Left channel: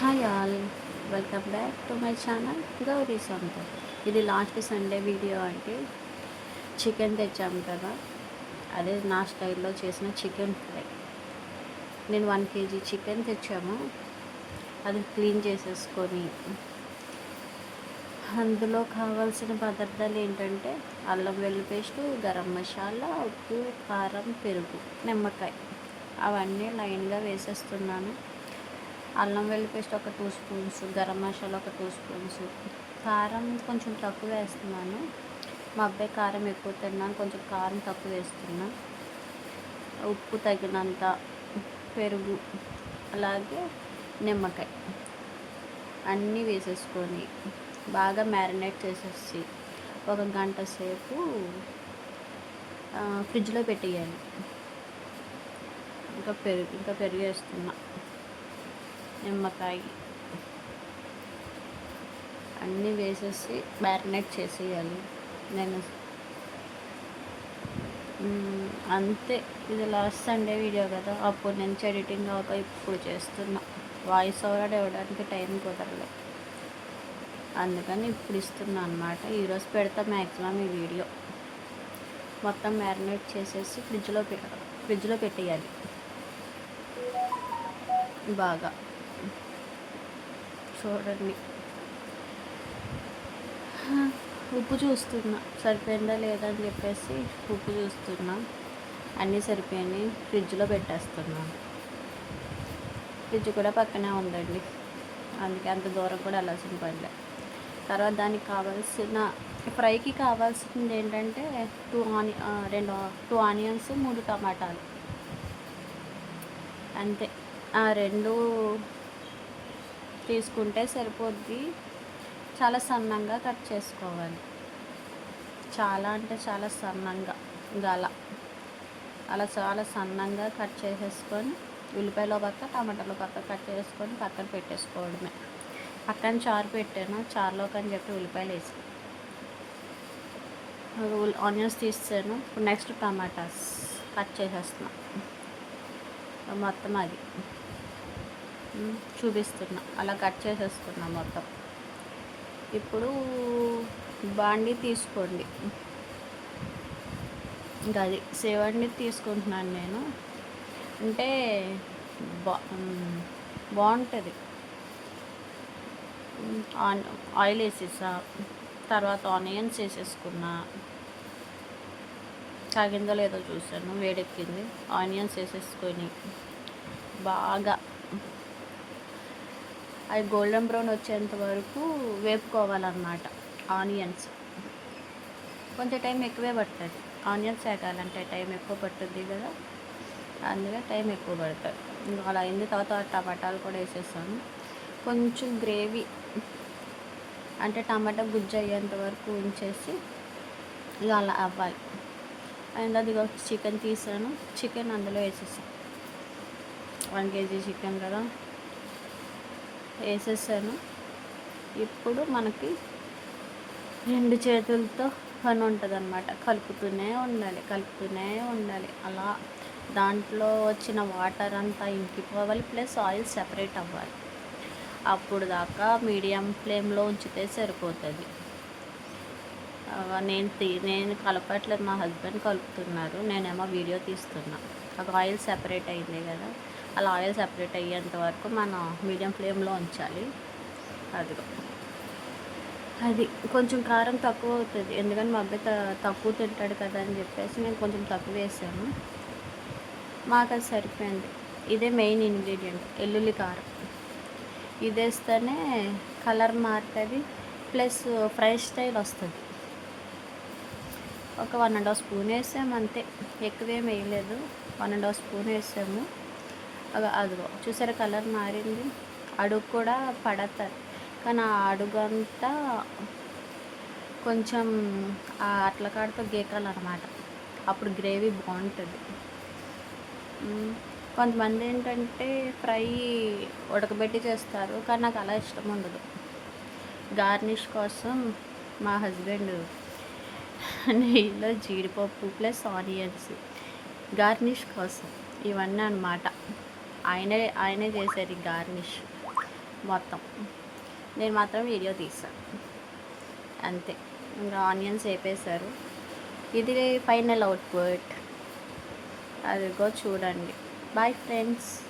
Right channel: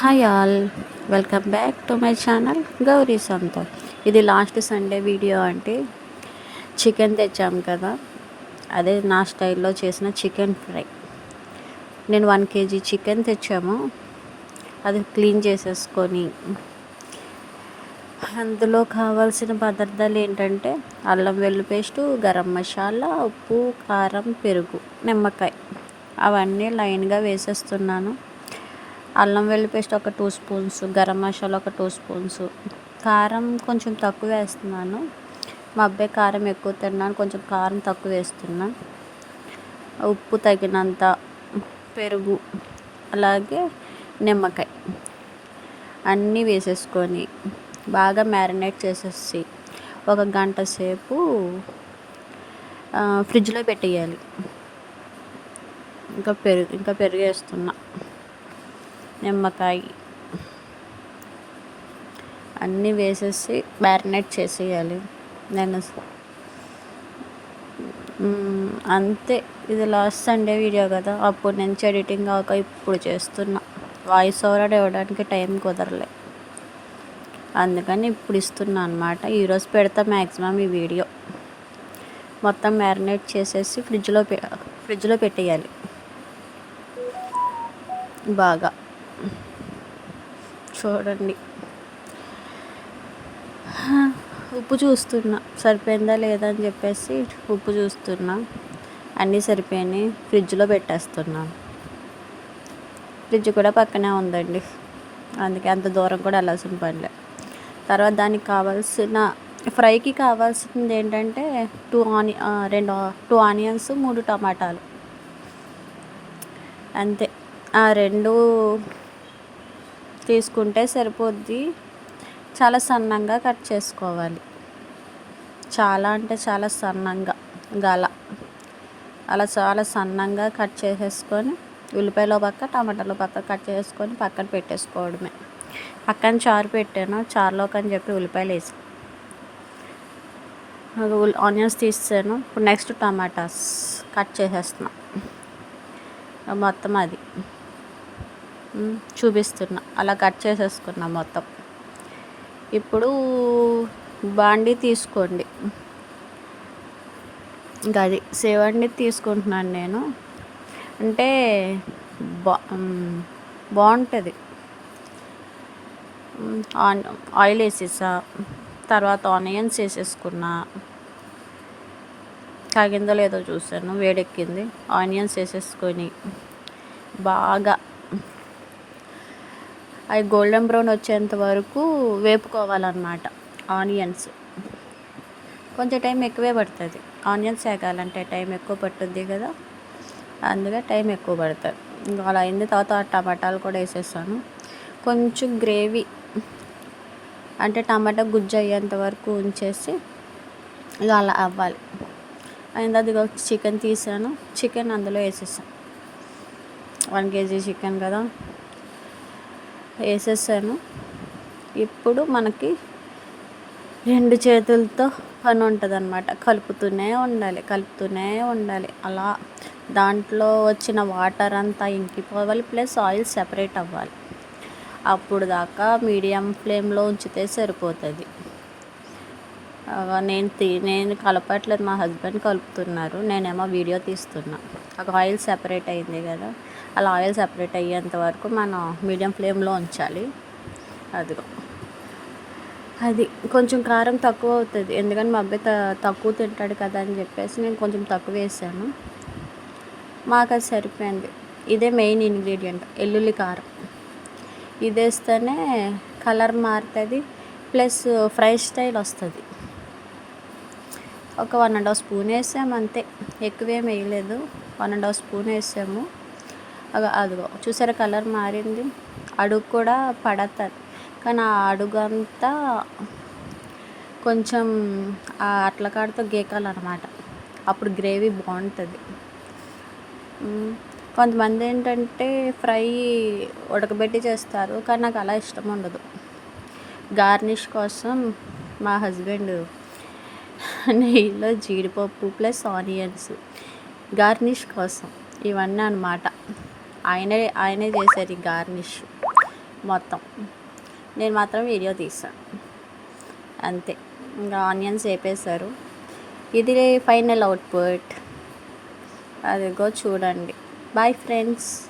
Hi all, welcome back to my channel Gauri సొంతం. ఇది last Sunday video. అంటే chicken తెచ్చాము కదా, అదే నా స్టైల్లో చేసిన చికెన్ ఫ్రై. నేను 1 kg చికెన్ తెచ్చాము. అది క్లీన్ చేసేసుకొని అందులో కావాల్సిన పదార్థాలు ఏంటంటే అల్లం వెల్లుల్లి పేస్టు, గరం మసాలా, ఉప్పు, కారం, పెరుగు, నిమ్మకాయ అవన్నీ లైన్గా వేసేస్తున్నాను. అల్లం వెల్లుల్లి పేస్ట్ ఒక 2 స్పూన్స్, గరం మసాలా ఒక 2 స్పూన్స్, కారం కొంచెం తక్కువ వేస్తున్నాను. మా అబ్బాయి కారం ఎక్కువ తిన్నాను, కొంచెం కారం తక్కువ వేస్తున్నా. ఉప్పు తగినంత, పెరుగు, అలాగే నిమ్మకాయ అన్నీ వేసేసుకొని బాగా మ్యారినేట్ చేసేసి ఒక గంట సేపు ఫ్రిడ్జ్లో పెట్టేయాలి. ఇంకా పెరుగు వేస్తున్నా, నిమ్మకాయ అన్నీ వేసేసి మ్యారినేట్ చేసేయాలి. నేను అంతే. ఇది లాస్ట్ సండే వీడియో కదా, అప్పుడు నుంచి ఎడిటింగ్ అవ్వక ఇప్పుడు చేస్తున్నా. వాయిస్ ఓవర్ ఇవ్వడానికి టైం కుదరలే, అందుకని ఇప్పుడు ఇస్తున్నా అనమాట. ఈరోజు పెడతా మ్యాక్సిమం ఈ వీడియో. మొత్తం మ్యారినేట్ చేసేసి ఫ్రిడ్జ్లో పెట్టేయాలి బాగా. చూడండి, ఉప్పు చూస్తున్నా సరిపోయిందా లేదా అని చెప్పేసి ఉప్పు చూస్తున్నా. అన్నీ సరిపోయినాయి, ఫ్రిడ్జ్లో పెట్టేస్తున్నాను. ఫ్రిడ్జ్ కూడా పక్కనే ఉందండి, అందుకే అంత దూరం కూడా వెళ్ళాల్సిన పనిలే. తర్వాత దానికి కావాల్సిన ఫ్రైకి కావాల్సింది ఏంటంటే 2 ఆనియన్స్, 3 టమాటాలు, అంతే. ఆ 2 తీసుకుంటే సరిపోద్ది. చాలా సన్నంగా కట్ చేసుకోవాలి, చాలా అంటే చాలా సన్నంగా, అలా చాలా సన్నంగా కట్ చేసేసుకొని ఉల్లిపాయలో పక్క, టమాటాలో పక్క కట్ చేసుకొని పక్కన పెట్టేసుకోవడమే. పక్కన చారు పెట్టాను, చారులోకి అని చెప్పి ఉల్లిపాయలు వేసి ఆనియన్స్ తీసాను. ఇప్పుడు నెక్స్ట్ టమాటాస్ కట్ చేసేస్తున్నా. మొత్తం అది చూపిస్తున్నా, అలా కట్ చేసేసుకున్నా మొత్తం. ఇప్పుడు బాండి తీసుకోండి, ఇంకా అది సేవండి తీసుకుంటున్నాను నేను. అంటే బాగుంటుంది. ఆయిల్ వేసేసా, తర్వాత ఆనియన్స్ వేసేసుకున్నా. కాగిందో లేదో చూసాను, వేడెక్కింది. ఆనియన్స్ వేసేసుకొని బాగా అవి గోల్డెన్ బ్రౌన్ వచ్చేంత వరకు వేపుకోవాలన్నమాట. ఆనియన్స్ కొంచెం టైం ఎక్కువే పడుతుంది. ఆనియన్స్ వేగాలంటే టైం ఎక్కువ పట్టుద్ది కదా, అందుకే టైం ఎక్కువ పడుతుంది. ఇంకా అలా అయిన తర్వాత టమాటాలు కూడా వేసేసాను. కొంచెం గ్రేవీ అంటే టమాటా గుజ్జు అయ్యేంత వరకు ఉంచేసి ఇక అలా అవ్వాలి. అయిన అది చికెన్ తీసాను, చికెన్ అందులో వేసేసాను. 1 kg చికెన్ కదా, వేసేసాను. ఇప్పుడు మనకి 2 చేతులతో పని ఉంటుంది అన్నమాట. కలుపుతూనే ఉండాలి. అలా దాంట్లో వచ్చిన వాటర్ అంతా ఇంకిపోవాలి, ప్లస్ ఆయిల్ సెపరేట్ అవ్వాలి. అప్పుడు దాకా మీడియం ఫ్లేమ్లో ఉంచితే సరిపోతుంది. నేను కలపట్లేదు, మా హస్బెండ్ కలుపుతున్నారు, నేనేమో వీడియో తీస్తున్నా. ఒక ఆయిల్ సెపరేట్ అయింది కదా, అలా ఆయిల్ సెపరేట్ అయ్యేంత వరకు మనం మీడియం ఫ్లేమ్లో ఉంచాలి. అది కొంచెం కారం తక్కువ అవుతుంది, ఎందుకంటే మా అబ్బాయి తక్కువ తింటాడు కదా అని చెప్పేసి నేను కొంచెం తక్కువ వేసాను. మాకు అది సరిపోయింది. ఇదే మెయిన్ ఇంగ్రీడియంట్, వెల్లుల్లి కారం. ఇది వేస్తేనే కలర్ మారుతుంది, ప్లస్ ఫ్రై స్టైల్ వస్తుంది. ఒక 1.5 స్పూన్ వేసాము అంతే, ఎక్కువేం వేయలేదు. 1.5 స్పూన్ వేసాము. అదిగో చూసారా, కలర్ మారింది. అడుగు కూడా పడతారు, కానీ ఆ అడుగంతా కొంచెం అట్ల కాడతో గీకాలన్నమాట, అప్పుడు గ్రేవీ బాగుంటుంది. కొంతమంది ఏంటంటే ఫ్రై ఉడకబెట్టి చేస్తారు, కానీ నాకు అలా ఇష్టం ఉండదు. గార్నిష్ కోసం మా హస్బెండ్ నెయ్యిలో జీడిపప్పు ప్లస్ ఆనియన్స్ గార్నిష్ కోసం ఇవన్నీ అన్నమాట. ఆయనే చేశారు ఈ గార్నిష్. మొత్తం. నేను మాత్రం వీడియో తీస్తాను అంతే. ఇంకా ఆనియన్స్ వేపేశారు. ఇది ఫైనల్ అవుట్పుట్. అదిగో చూడండి. Bye friends.